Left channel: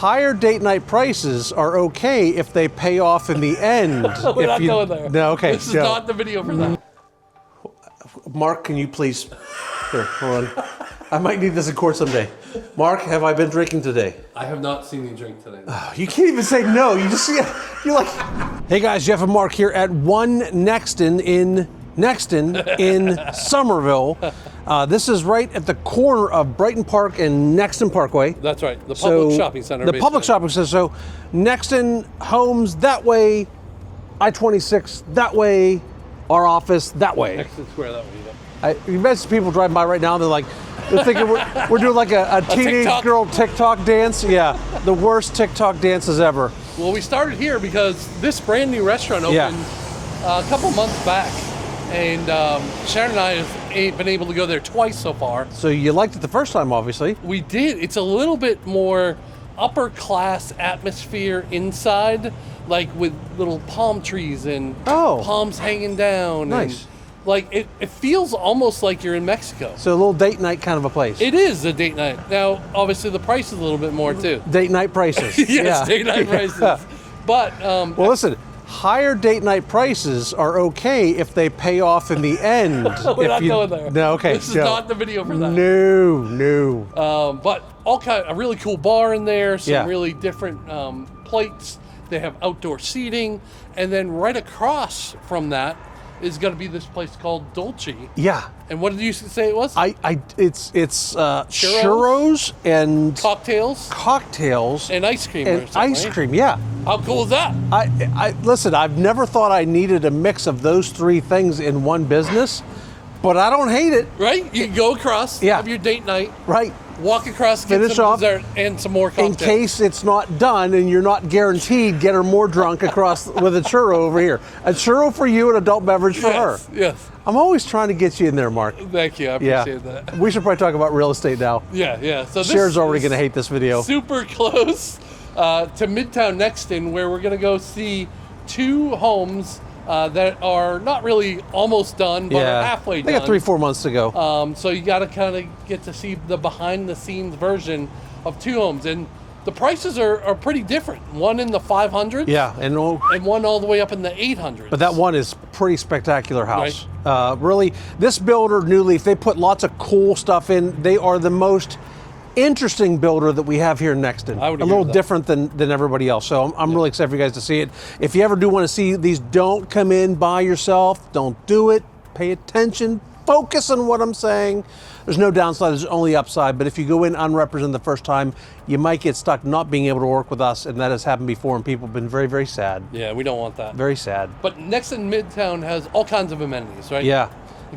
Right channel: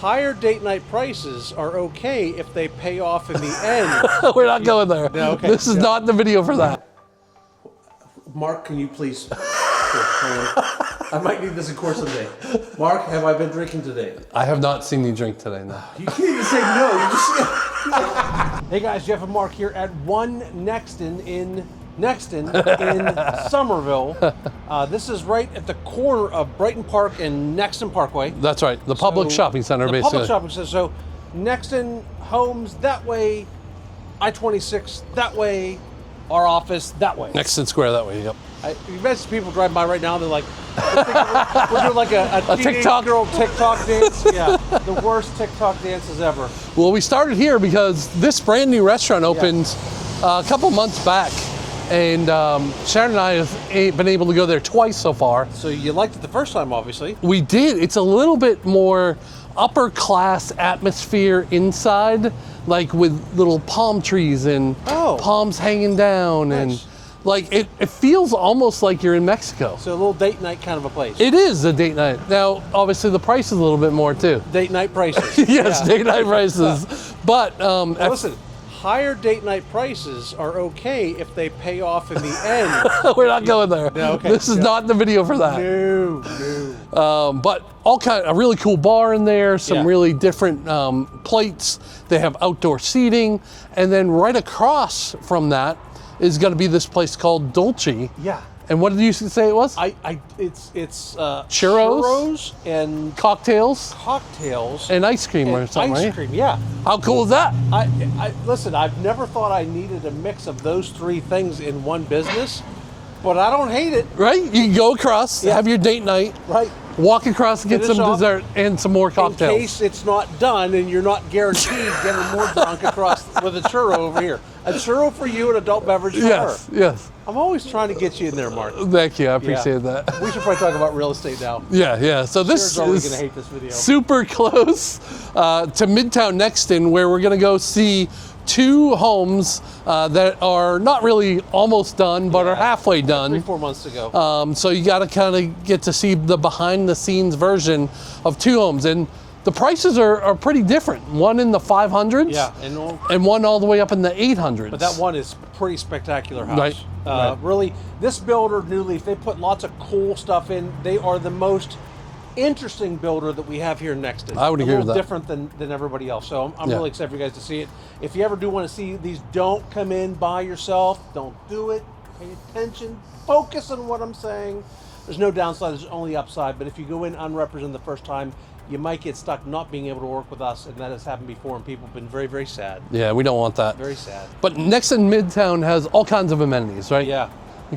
higher date night prices are okay if they pay off in the end. We're not going there. No, okay. This is not the video for that. Mark, can you please? Here, hold on. I might need this in court someday. Mark, have I been drinking today? I have not seen you drink today. No. You can't even say no. You just see it. You're like, hey guys, Jeff and Mark here at One Nexton in Summerville. This is right at the corner of Brighton Park and Nexton Parkway. That's right, the public shopping center. The public shopping center. So Nexton homes that way, I-26 that way, our office that way. Nexton Square that way, yep. You bet people driving by right now, they're thinking we're doing like a teenage girl TikTok dance. Yeah, the worst TikTok dances ever. Well, we started here because this brand new restaurant opened a couple months back. And Sharon and I have been able to go there twice so far. So you liked it the first time, obviously. We did. It's a little bit more upper class atmosphere inside, like with little palm trees and palms hanging down. Nice. And like it feels almost like you're in Mexico. So a little date night kind of a place. It is a date night. Now, obviously the price is a little bit more too. Date night prices. Yes, date night prices. But well, listen. Higher date night prices are okay if they pay off in the end. We're not going there. No, okay. This is not the video for that. No. But a really cool bar in there, some really different plates. They have outdoor seating. And then right across from that is going to be this place called Dolce. Yeah. And what did you say it was? It's churros and cocktails and ice cream or something. Ice cream, yeah. How cool is that? Listen, I've never thought I needed a mix of those three things in one business, but I don't hate it. Right? You can go across, have your date night. Right. Walk across, get some dessert and some more cocktails. In case it's not done and you're not guaranteed, get her more drunk across with a churro over here. A churro for you, an adult beverage for her. Yes. I'm always trying to get you in there, Mark. Thank you, I appreciate that. We should probably talk about real estate now. Yeah. So this Cher's already going to hate this video. Super close to Midtown Nexton, where we're going to go see two homes that are not really almost done, but are halfway done. 3-4 months to go. So you got to kind of get to see the behind-the-scenes version of two homes, and the prices are pretty different. One in the 500s, and one all the way up in the 800s. But that one is pretty spectacular house. Right. Really, this builder, New Leaf, they put lots of cool stuff in. They are the most interesting builder that we have here in Nexton. I would agree with that. A little different than everybody else. So I'm really excited for you guys to see it. If you ever do want to see these, don't come in by yourself. Don't do it. Pay attention. Focus on what I'm saying. There's no downside, there's only upside. But if you go in unrepresented the first time, you might get stuck not being able to work with us, and that has happened before, and people have been very, very sad. Yeah, we don't want that. Very sad. But Nexton Midtown has all kinds of amenities, right? Yeah.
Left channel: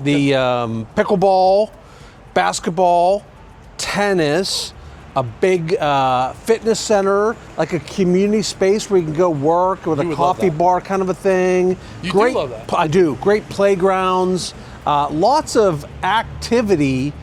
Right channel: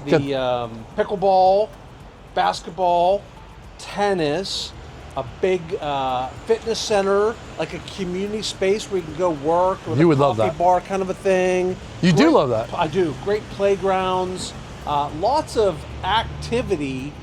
The pickleball, basketball, tennis, a big fitness center, like a community space where you can go work with a coffee bar kind of a thing. You do love that. I do. Great playgrounds, lots of activity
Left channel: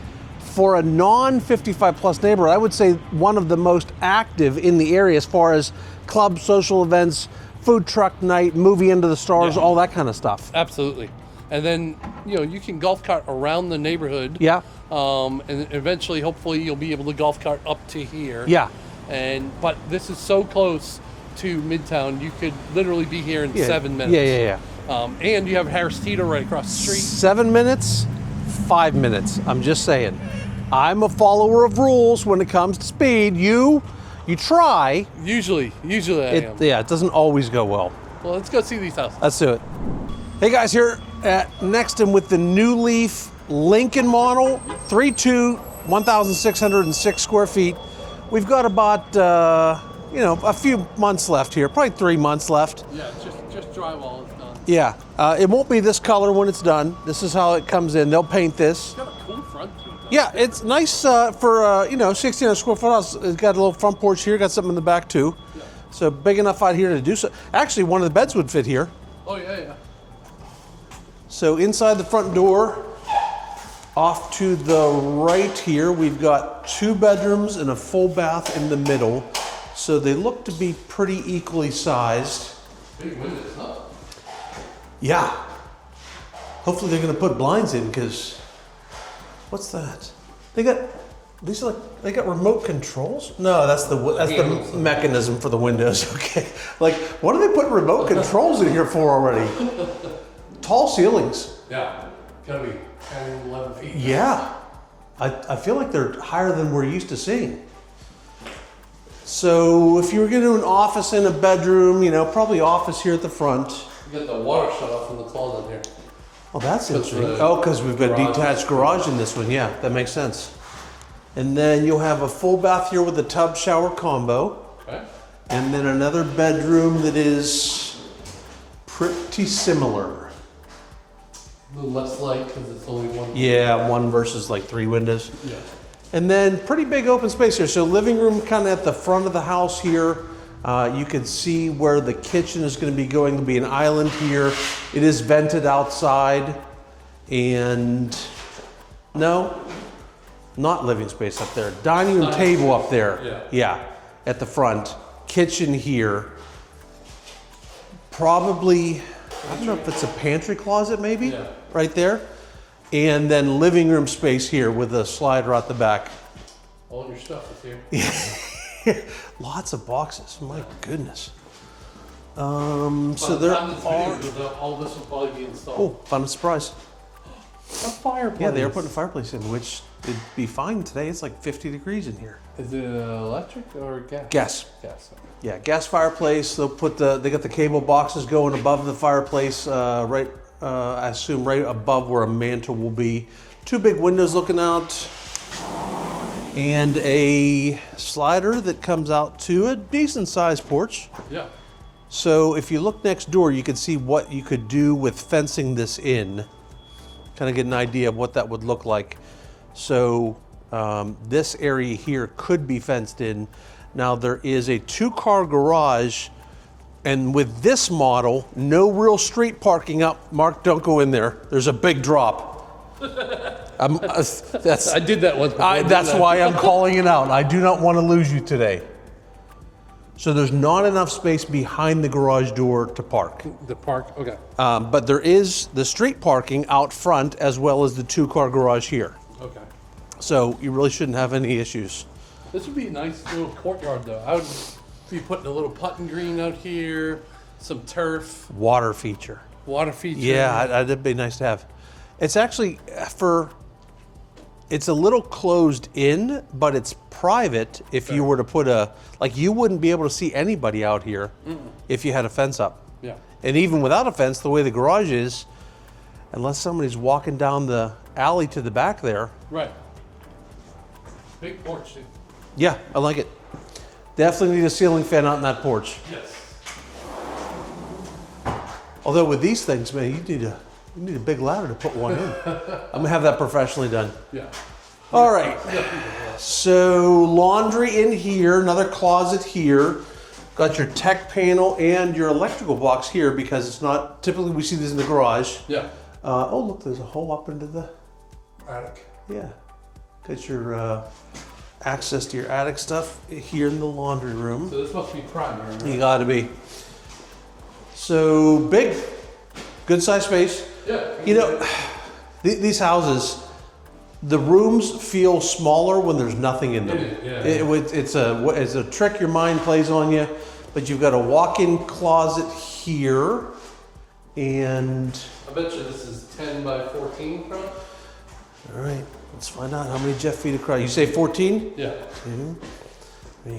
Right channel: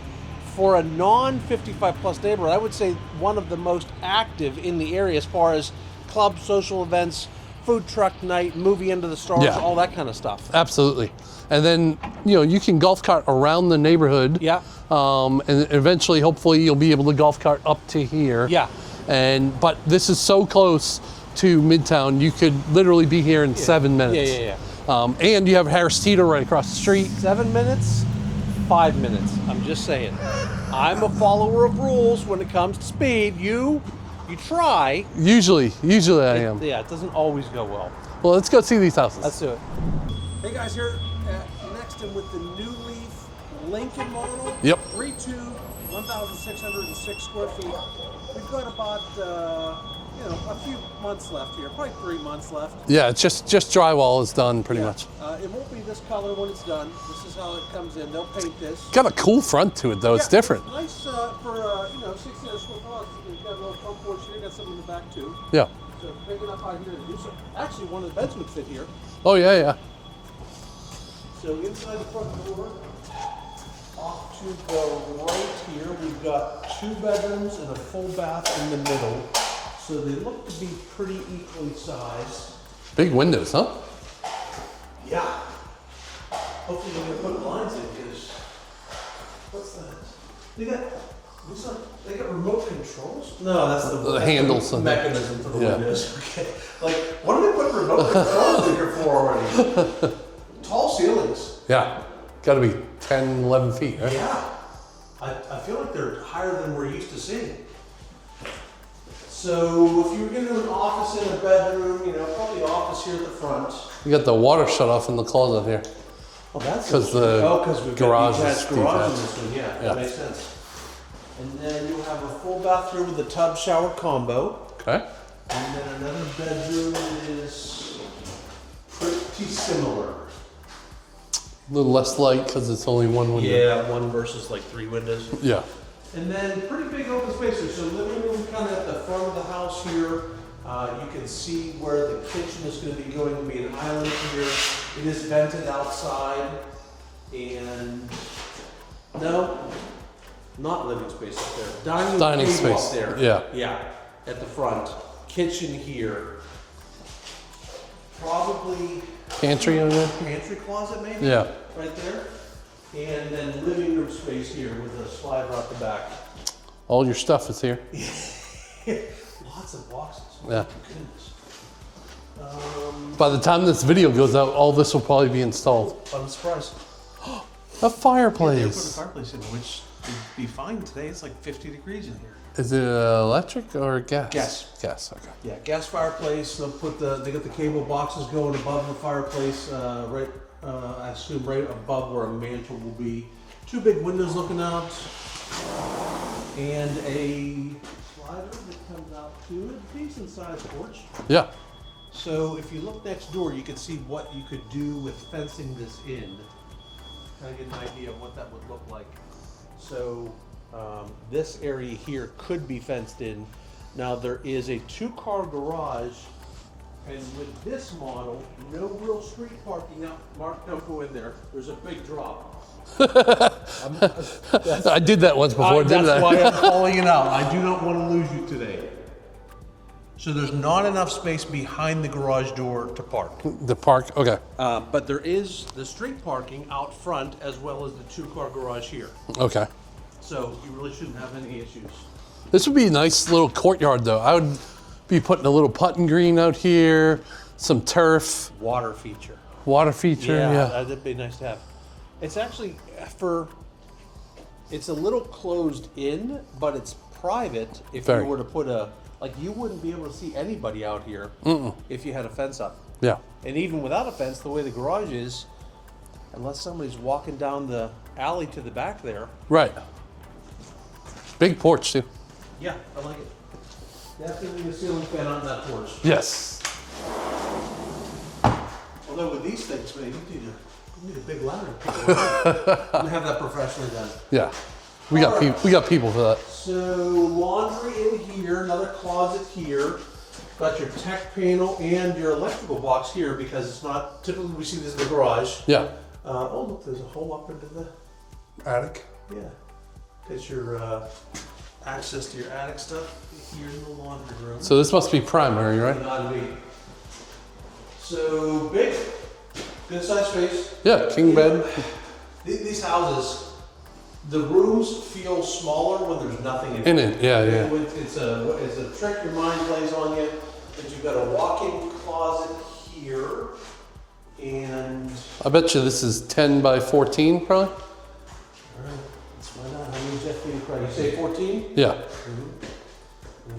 for a non-55 plus neighborhood. I would say one of the most active in the area as far as clubs, social events, food truck night, movie into the stars, all that kind of stuff. Absolutely. And then, you can golf cart around the neighborhood. Yeah. And eventually, hopefully, you'll be able to golf cart up to here. Yeah. But this is so close to Midtown, you could literally be here in 7 minutes. Yeah. And you have Harris Teeter right across the street. 7 minutes, 5 minutes. I'm just saying. I'm a follower of rules when it comes to speed. You try. Usually I am. Yeah, it doesn't always go well. Well, let's go see these houses. Let's do it. Hey guys, here at Nexton with the New Leaf Lincoln model. Yep. 3.2, 1,606 square feet. We've got about, a few months left here, probably 3 months left. Yeah, it's just drywall is done. Much. It won't be this color when it's done. This is how it comes in. They'll paint this. Got a cool front to it though. Yeah, it's different. It's nice for 1,600 square foot house. It's got a little front porch here. Got something in the back too. Yeah. So big enough out here to do so. Actually, one of the beds would fit here. Oh yeah. So inside the front door, off to the right here, we've got 2 bedrooms and a full bath in the middle. So they look to be pretty equally sized. Big windows, huh? Yeah. Hopefully they're gonna put blinds in, because what's that? They got These are they got remote controls? No, that's the handles mechanism for the windows. Okay. Like, what are they putting remote controls in here for already? Tall ceilings. Yeah. Got to be 10, 11 feet. Right? Yeah. I feel like they're higher than we're used to seeing. So if you were going to do an office and a bedroom, probably office here at the front. You got the water shut off in the closet here. Oh, that's interesting. Because we've got detached garage in this one. Yeah, that makes sense. And then you'll have a full bath here with a tub shower combo. Okay. And then another bedroom that is pretty similar. A little less light because it's only one window. Yeah, one versus like 3 windows. Yeah. And then pretty big open space here. So living room kind of at the front of the house here. You can see where the kitchen is going to be going. There'll be an island here. It is vented outside. And no, not living space up there. Dining room table up there. Yeah. Yeah, at the front. Kitchen here. Probably pantry. It's a pantry closet maybe. Yeah. Right there. And then living room space here with a slider out the back. All your stuff is here. Lots of boxes. Oh, yeah. Goodness. By the time this video goes out, all this will probably be installed. Oh, I'm surprised. A fireplace. Yeah, they're putting a fireplace in, which would be fine today. It's like 50 degrees in here. Is it electric or gas? Gas. Gas, okay. Yeah, gas fireplace. They'll put they got the cable boxes going above the fireplace, right, I assume right above where a mantle will be. 2 big windows looking out. And a slider that comes out to a decent sized porch. Yeah. So if you look next door, you can see what you could do with fencing this in. Kind of get an idea of what that would look like. So this area here could be fenced in. Now there is a 2-car garage, and with this model, no real street parking up. Mark, don't go in there. There's a big drop. I did that once before. That's why I'm calling it out. I do not want to lose you today. So there's not enough space behind the garage door to park. The park, okay. But there is the street parking out front as well as the 2-car garage here. Okay. So you really shouldn't have any issues. This would be a nice little courtyard though. I would be putting a little putting green out here, some turf. Water feature. Water feature. Yeah, that'd be nice to have. It's actually it's a little closed in, but it's private if you were to put you wouldn't be able to see anybody out here if you had a fence up. Yeah. And even without a fence, the way the garage is, unless somebody's walking down the alley to the back there. Right. Big porch too. Yeah, I like it. Definitely need a ceiling fan out in that porch. Yes. Although with these things, man, you need a big ladder to put one on. I'm gonna have that professionally done. Yeah. We got people for that. So laundry in here, another closet here. Got your tech panel and your electrical box here because it's not, typically we see these in the garage. Yeah. Oh look, there's a hole up into the attic. Yeah. Got your access to your attic stuff here in the laundry room. So this must be primary, right? You gotta be. So big, good size space. Yeah, king bed. These houses, the rooms feel smaller when there's nothing in them. It's a trick your mind plays on you, but you've got a walk-in closet here, and I bet you this is 10 by 14, probably. All right, let's find out how many jet feet across. You say 14? Yeah. 2, 3,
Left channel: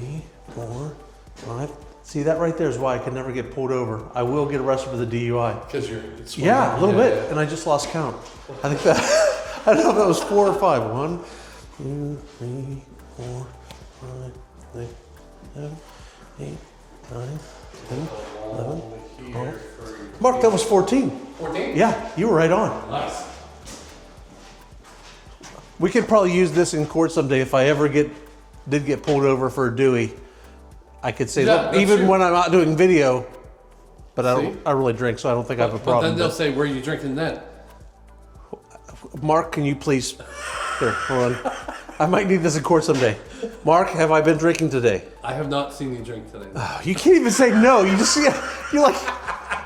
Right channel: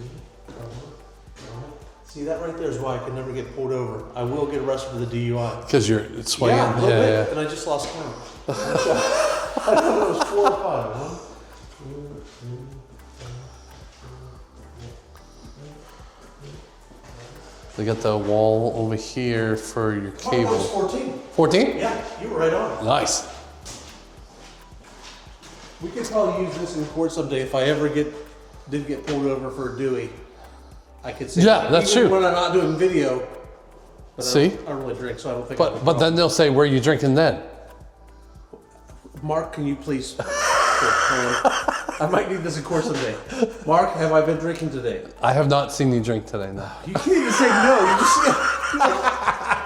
4, 5. See, that right there is why I can never get pulled over. I will get arrested for the DUI. Because you're swinging. Yeah, a little bit, and I just lost count. I don't know if that was 4 or 5. 1, 2, 3, 4, 5, 6, 7, 8, 9. They got the wall over here for your Mark, cable. that was 14. 14? Yeah, you were right on. Nice. We could probably use this in court someday if I ever did get pulled over for a Dewey. I could say that even when I'm not doing video. But I really drink, so I don't think I have a problem. But then they'll say, where are you drinking then? Mark, can you please? Here, hold on. I might need this in court someday. Mark, have I been drinking today? I have not seen you drink today. No. You can't even say no. You just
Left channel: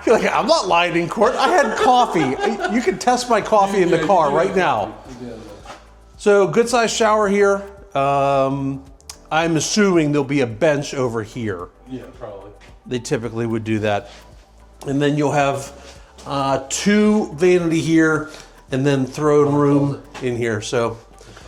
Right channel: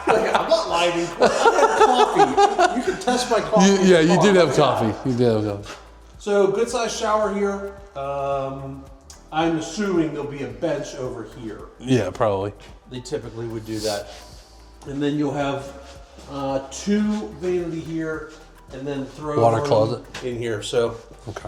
you're like I'm not lying in court. I had coffee. You can test my coffee in the car you do right have now. coffee. You do have coffee. So good sized shower here. I'm assuming there'll be a bench over here. Yeah, probably. They typically would do that. And then you'll have 2 vanity here, and then throne Water room closet. in here. So Okay.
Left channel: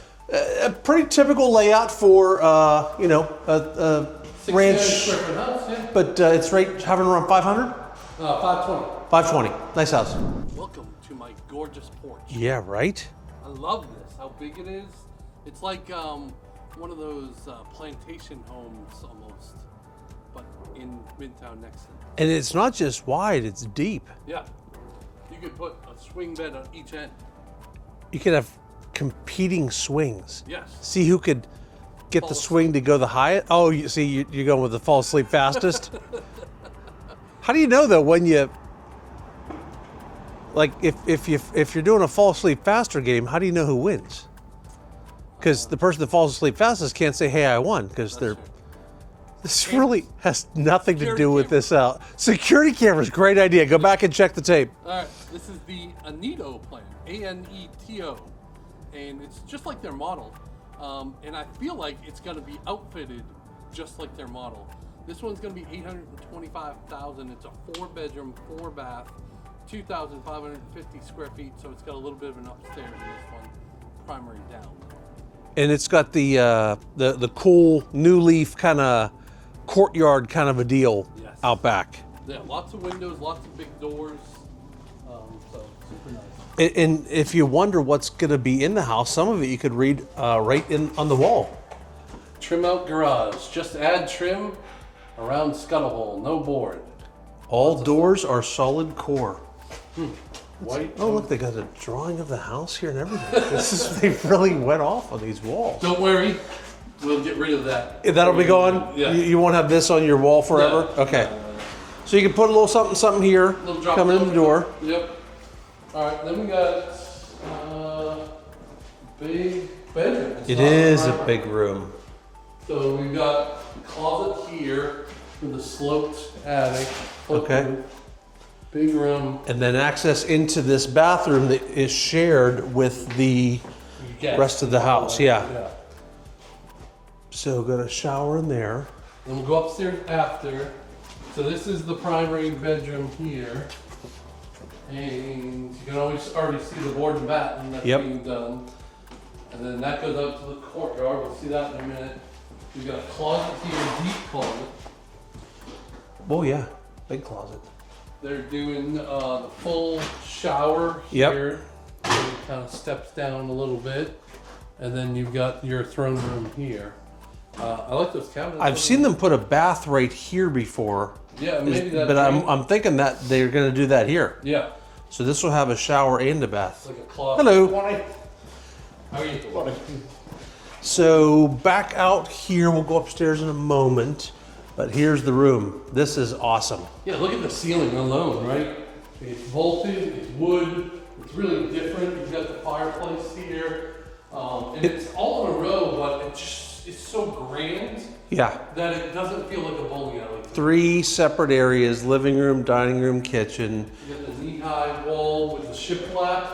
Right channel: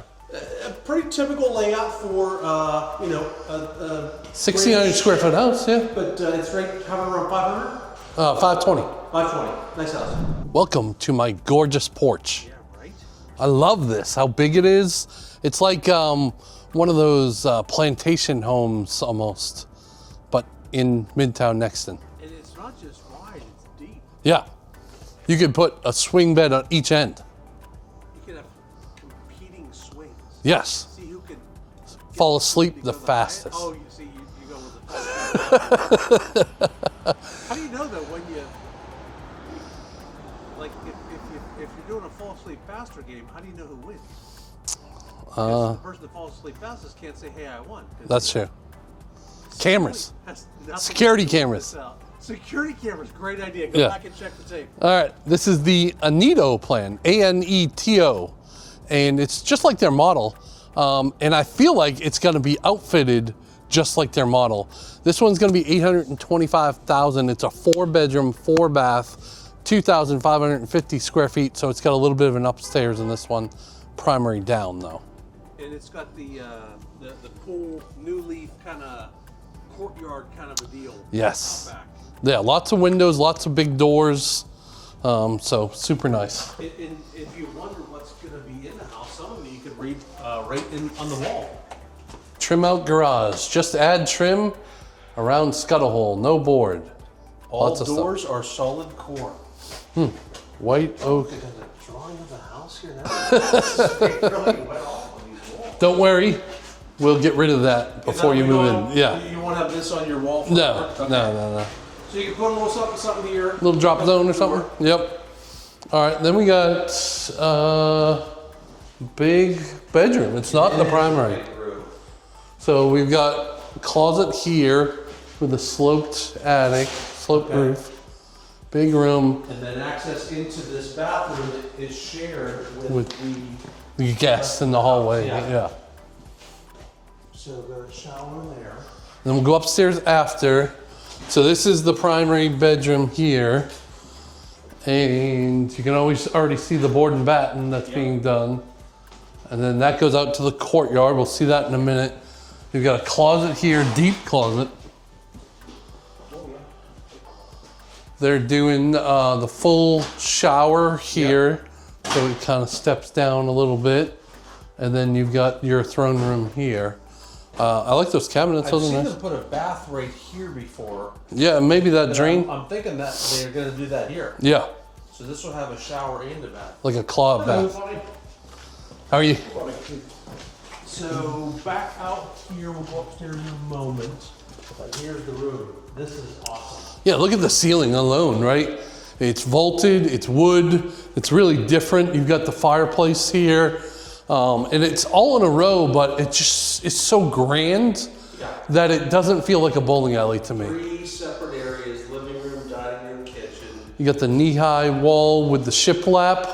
a pretty typical layout for, a 69 ranch, square foot house, yeah. but it's right hovering around 500? 520. 520. Nice house. Welcome to my gorgeous porch. Yeah, right? I love this, how big it is. It's like one of those plantation homes almost, but in Midtown Nexton. And it's not just wide, it's deep. Yeah. You could put a swing bed on each end. You could have competing swings. Yes. See who could get Fall the swing asleep to go the the highest. fastest. Oh, you see, you're going with the fall asleep fastest. How do you know though when you, like, if you're doing a fall asleep faster game, how do you know who wins? Because the person that falls asleep fastest can't say, "Hey, I won." Because That's true. this Cameras. really has nothing Security to do with cameras. this out. Security cameras, great idea. Go Yeah. back and check the tape. All right, this is the Aneto plan, A-N-E-T-O, and it's just like their model. And I feel like it's going to be outfitted just like their model. This one's going to be $825,000. It's a 4-bedroom, 4-bath, 2,550 square feet. So it's got a little bit of an upstairs in this one, primary down though. And it's got the cool new leaf kind of courtyard kind of a deal. Yes. Out back. Yeah, lots of windows, lots of big doors. So super nice. And if you wonder what's going to be in the house, some of it you could read right on the wall. Trim out garage. Just add trim around scuttle hole. No board. All Lots of doors are solid core. White Oh, oak. look, they got a drawing of the house here and everything. They really went off on these walls. Don't worry, we'll get rid of that before That'll you be move going. in. Yeah. You won't have this on your wall forever. No, Okay. no. So you can put a little something here. Little drop come down in or the door. something. Yep. All right, then we got big bedroom. It's not the It is a primary. big room. So we've got a closet here with a sloped attic, sloped Okay. roof. Big room. And then access into this bathroom that is shared with the Guest rest in of the the house, hallway. yeah. So gonna shower in there. Then we'll go upstairs after. So this is the primary bedroom here. And you can always already see the board and batten that's Yep. being done. And then that goes out to the courtyard. We'll see that in a minute. You've got a closet here, deep closet. Oh yeah, big closet. They're doing the full shower here. So it kind of steps down a little bit. And then you've got your throne room here. I like those cabinets. I've Those are seen nice. them put a bath right here before. Yeah, maybe that But drain. I'm thinking that they're gonna do that here. Yeah, So this will have a shower and a bath. like a closet. Hello. How are you? So back out here, we'll go upstairs in a moment. But here's the room. This is awesome. Yeah, look at the ceiling alone, right? It's vaulted, it's wood, it's really different. You've got the fireplace here, and it's all in a row, but it's so grand Yeah. that it doesn't feel like a bowling alley to me. 3 separate areas: living room, dining room, kitchen. You got the knee-high wall with the shiplap,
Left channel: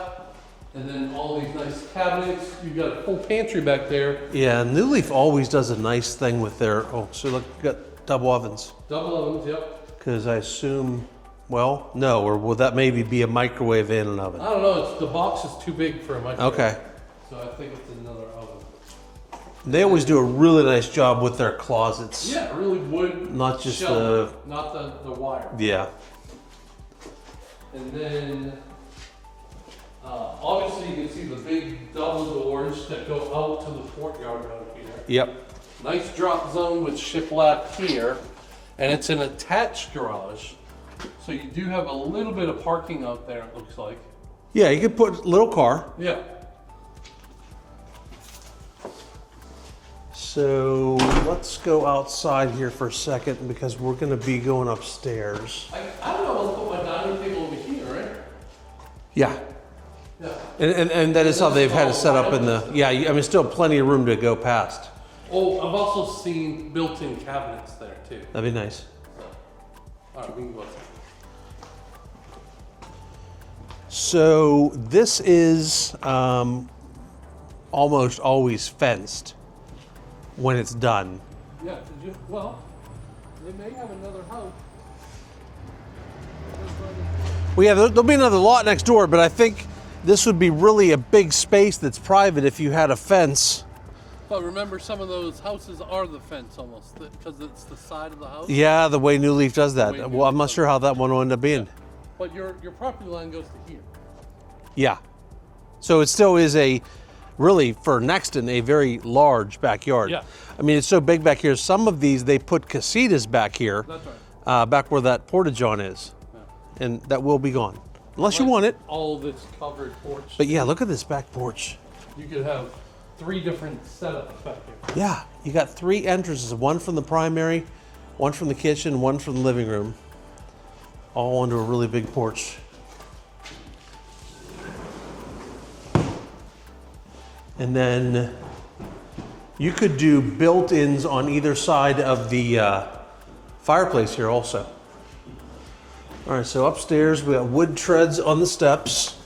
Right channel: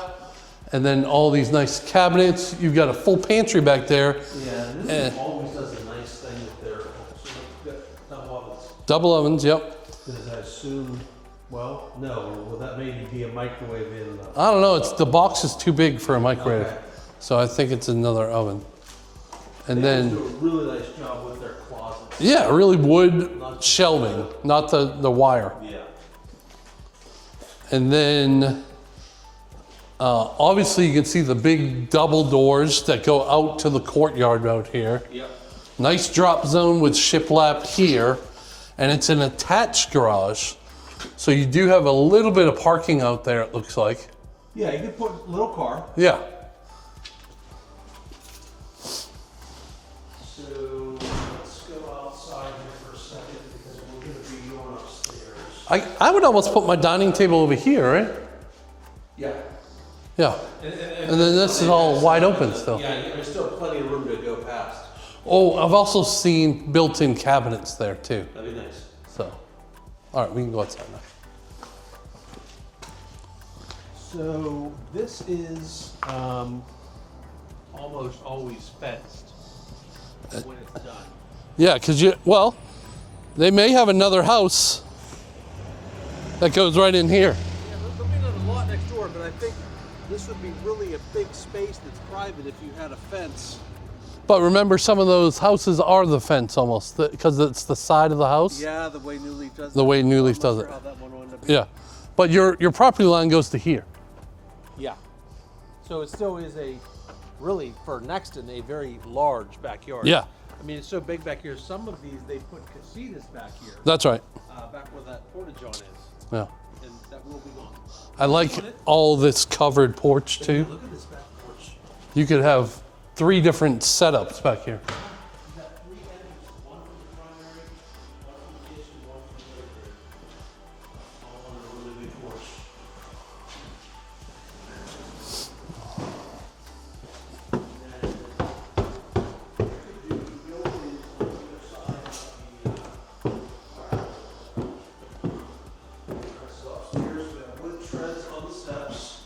and then all these nice cabinets. You've got a full pantry back there. Yeah, New Leaf And- always does a nice thing with their. Oh, so look, you got double ovens. Double ovens, yep. Because I assume, well, no, or will that maybe be a microwave and an oven? I don't know, the box is too big for a microwave. Okay. So I think it's another oven. And They always then- do a really nice job with their closets. Yeah, really wood Not just shelving, not the wire. Yeah. And then obviously you can see the big double doors that go out to the courtyard out here. Yep. Nice drop zone with shiplap here, and it's an attached garage. So you do have a little bit of parking out there, it looks like. Yeah, you could put a little car. Yeah. So let's go outside here for a second because we're going to be going upstairs. I would almost put my dining table over here, right? Yeah. Yeah. And then it's how this they've is had all it set wide up in open the. still. Yeah, I mean, still plenty of room to go past. Oh, I've also seen built-in cabinets there too. That'd be nice. So, all right, we can go outside now. So this is almost always fenced. when it's done. Yeah, because they may have another house that goes right in here. Well, yeah, there'll be another lot next door, but I think this would be really a big space that's private if you had a fence. But remember, some of those houses are the fence almost, because it's the side of the house. Yeah, the way New Leaf does that. The way New well, Leaf I'm not does sure it. how that one will end up being. Yeah, but your property line goes to here. Yeah. So it still is really, for Nexton, a very large backyard. Yeah. I mean, it's so big back here. Some of these, they put casitas back here. That's right. Back where that porta-john is. Yeah. And that will be gone. I Unless like you want it. all this covered porch, But too. yeah, look at this back porch. You could have 3 different setups back here. Yeah. You got 3 entrances, one from the primary, one from the kitchen, one from the living room. All onto a really big porch. And then you could do built-ins on either side of the fireplace here also. All right, so upstairs we got wood treads on the steps.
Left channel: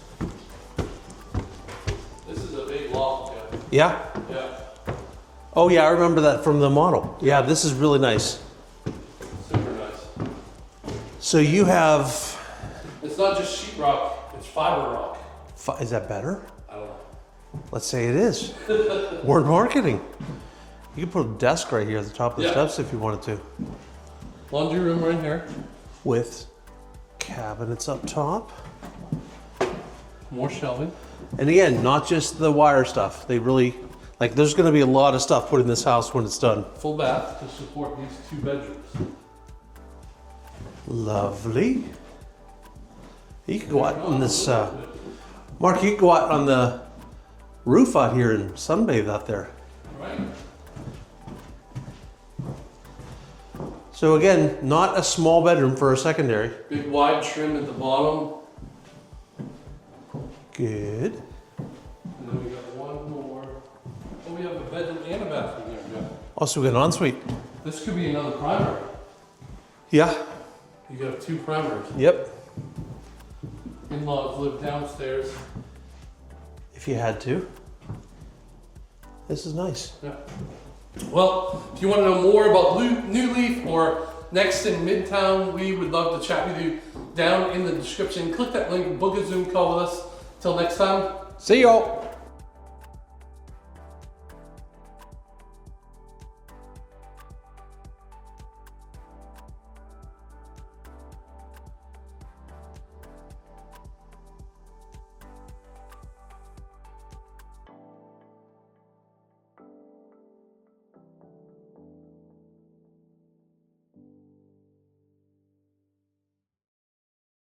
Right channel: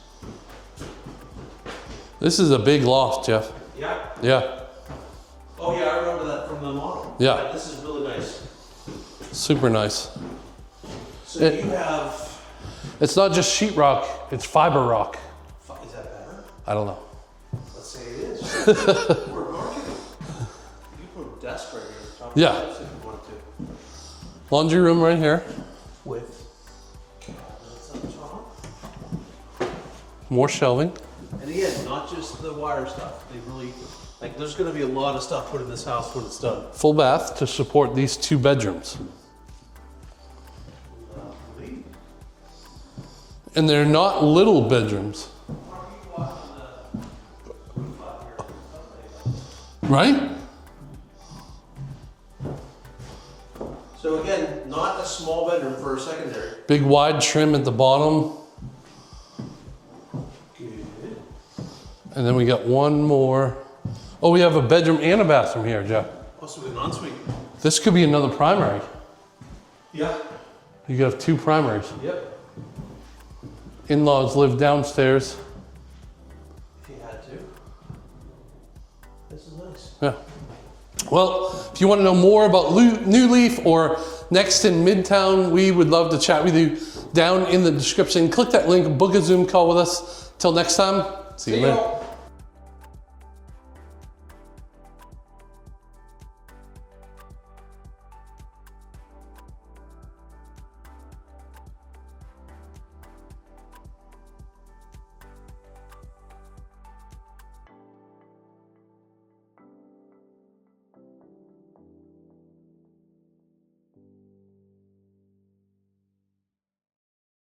This is a big loft, Jeff. Yeah? Yeah, Oh yeah, I remember that from the model. Yeah. Yeah, this is really nice. super nice. So you have, It's not just sheetrock, it's fiber rock. is that better? I don't know. Let's say it is. Word marketing. You could put a desk right here at the top of Yeah. the steps if you wanted to. Laundry room right here. With cabinets up top. More shelving. And again, not just the wire stuff. They really, there's gonna be a lot of stuff put in this house when it's done. Full bath to support these 2 bedrooms. Lovely. You can And go they're out not on this, little bedrooms, Mark, you can go out on the roof out here and sunbathe out there. right? So again, not a small bedroom for a secondary. Big wide trim at the bottom. Good. And then we got one more. Oh, we have a bedroom and a bathroom here, Jeff. Also, we got an ensuite. This could be another primary. Yeah. You could have 2 primaries. Yep. In-laws live downstairs. If you had to. This is nice. Yeah. Well, if you want to know more about New Leaf or Nexton Midtown, we would love to chat with you. Down in the description, click that link, book a Zoom call with us. Till next time, See y'all.